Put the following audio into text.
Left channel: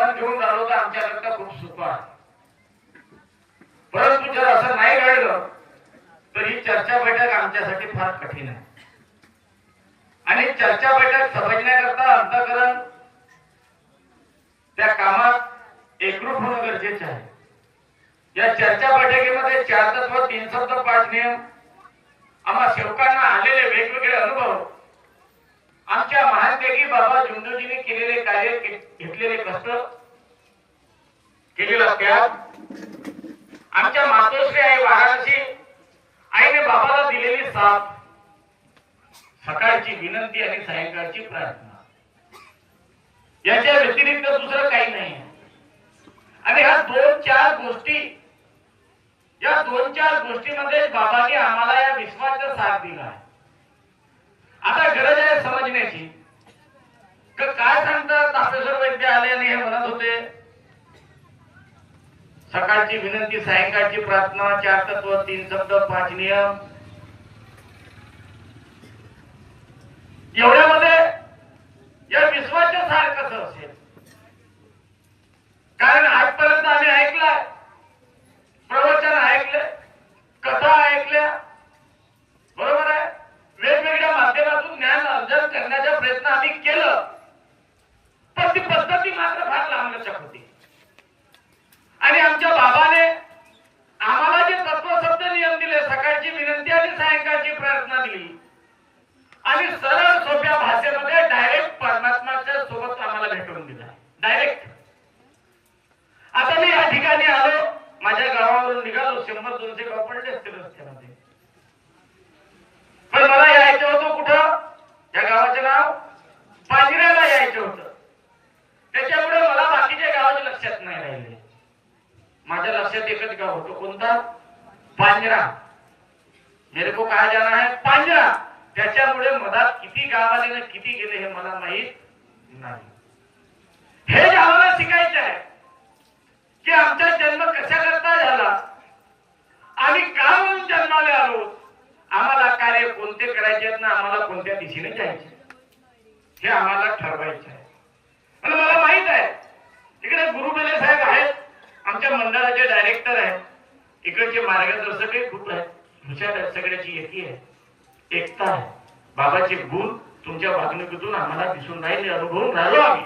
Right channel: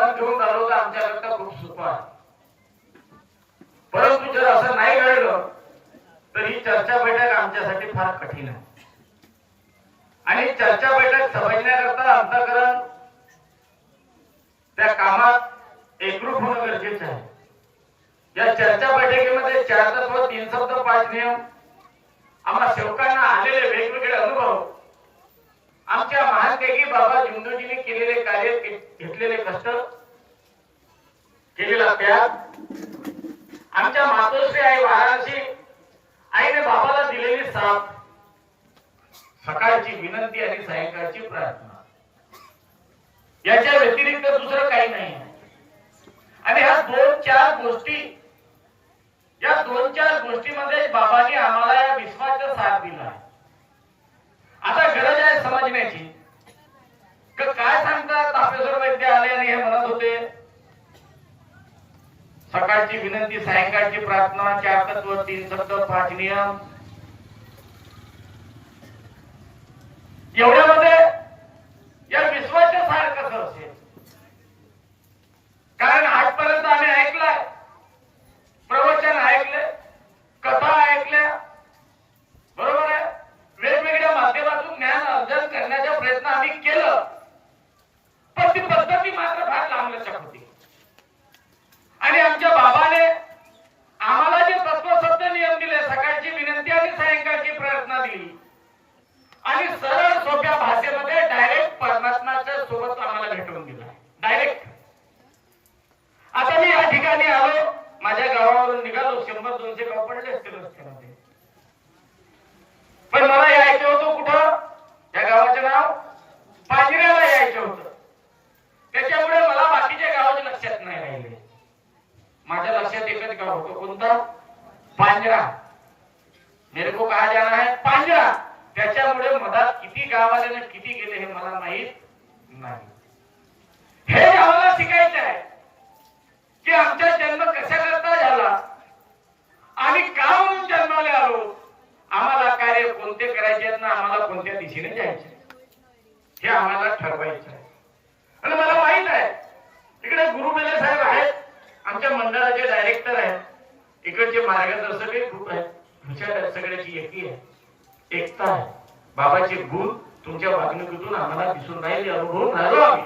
मन घेऊन राहिलो तर आमच्याकरता खूप सोपं आहे. परंतु जर असं नाही घडलं तर ही चर्चा बैठक आमच्यासाठी फार कठीण आहे. आणि चर्चा बैठक समजण्याकरता अंतःकरण त्या कामात एकरूप होणं गरजेचं आहे. या चर्चा बैठकीमध्ये 4 तत्व 3 शब्द 5 नियम आम्हा सेवकांना आलेले वेगवेगळे अनुभव, आमच्या महानतेगी बाबा झुंजूजींनी केलेले कार्य, घेतलेले कष्ट, केलेला त्याग, आमच्या मातोश्री आई वाराणसी आईने बाबाला दिलेली साथ, सकाळची विनंती आणि सायंकाळची प्रार्थना, याच्या व्यतिरिक्त दुसरं काही नाही. आणि ह्या 2-4 गोष्टी, या 2-4 गोष्टीमध्ये बाबांनी आम्हाला या विश्वाचा साथ दिला. आता गरज आहे समजण्याची. काय सांगतात तापेश्वर वैद्य आले आणि हे म्हणत होते सकाळची विनंती सायंकाळची प्रार्थना, 4 तत्व 3 शब्द 5 नियम, एवढ्यामध्ये या विश्वाचं सार कसं असेल? कारण आजपर्यंत आम्ही ऐकलं, प्रवचन ऐकले, कथा ऐकल्या, बरोबर आहे, वेगवेगळ्या माध्यमातून ज्ञान अर्जन करण्याचा प्रयत्न आम्ही केलं, पण ती पद्धती मात्र फार लांबलचक होती. आणि आमच्या बाबाने आम्हाला जे तत्वशब्द नियम दिले, सकाळची विनंती आणि सायंकाळची प्रार्थना दिली, आणि सरळ सोप्या भाषेमध्ये डायरेक्ट परमात्माच्या सोबत आम्हाला भेटवून दिला. डायरेक्ट. आता मी या ठिकाणी आलो, माझ्या गावावरून निघालो, 100-200 गाव पडले असतील रस्त्यामध्ये, पण मला यायचं होतं कुठं? या गावाचं नाव पांजऱ्याला यायचं होतं. त्याच्यामुळे मला बाकीच्या गावाचे लक्षात नाही राहिले. माझ्या लक्षात एकच गाव होतं. कोणता? पांजरा. मेरे को कहा जाना है पांजरा. त्याच्यामुळे मधात किती गाव आले ना किती गेले हे मला माहित नाही. हे आम्हाला शिकायचं आहे की आमचा जन्म कशा करता झाला आणि का म्हणून जन्माला आलो, आम्हाला कार्य कोणते करायचे आहेत ना आम्हाला कोणत्या दिशेने जायचे हे आम्हाला ठरवायचं आहे. आणि मला माहित आहे इकडे गुरुबेले साहेब आहेत, आमच्या मंडळाचे डायरेक्टर आहेत, इकडचे मार्गदर्शकही खूप आहेत, हुशार आहेत, सगळ्याची एकी आहे, एकता आहे. बाबाचे गुण तुमच्या वागणुकीतून आम्हाला दिसून राहिले, अनुभवून राहिलो आम्ही.